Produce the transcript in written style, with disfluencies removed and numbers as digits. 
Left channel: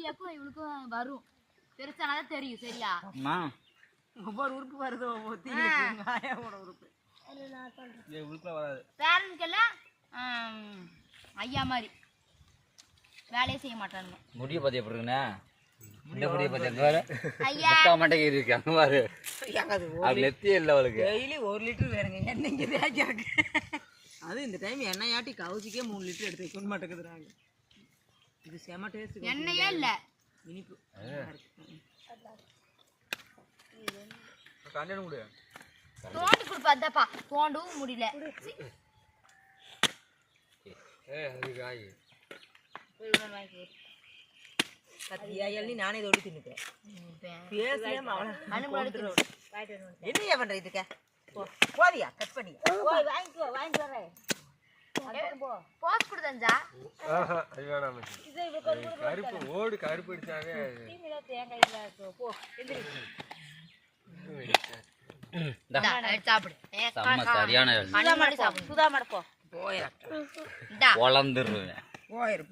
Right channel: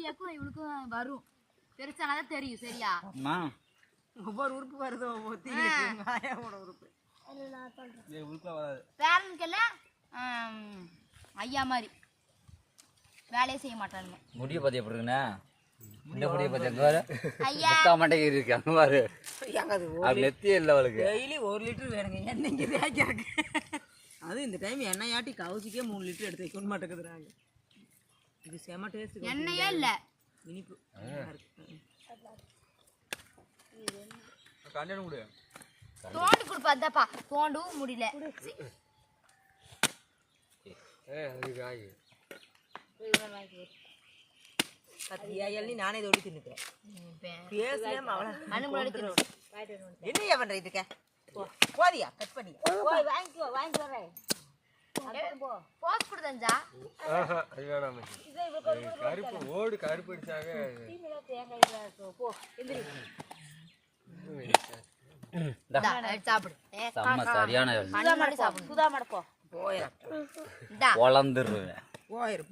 சூர்யாக்கும் இவளுக்கும் வரும் பெருசானாதான் தெரியும் சரியா ஒவ்வொரு உறுப்பு வருது ஒவ்வொரு உறுப்பு பேரனுக்கெல்லாம் ஐயா மாதிரி வேலையே செய்ய மாட்டானுங்க முடிய பத்தி எப்படி இருக்குண்ணா இந்த முடிய பத்தி எங்க வேறு முக்கா மண்டைக்கு இருக்கு அங்க பாரு அது நெத்தியே இல்லை அவளுக்கு டெய்லி 1 லிட்டர் வேணுங்க எண்ணெய்க்கு தேய்க்கிறதுக்கு அது இந்த டைம் எண்ணெயாட்டி கவுசிக்கே 3 லிட்டர் எடுத்து வைக்க மாட்டேங்குதுறாங்க இது செம டேஸ்ட் எண்ணெயே இல்லை இனிப்பு கண்டிப்பாக முடியும் தோண்டு கொடுப்பா அதாப்பா தோண்டவும் முடியல நானே இதோடு தின்னுக்கிறேன் என்ன பண்ற இதுக்க போதியா கட் பண்ணி வாங்கிட்டு வரேன் கருப்பு ஓடு கருப்பு அடிச்சாவே சரியான சுதா மடப்போ போயிரு வளர்ந்துருவேன் போயிரு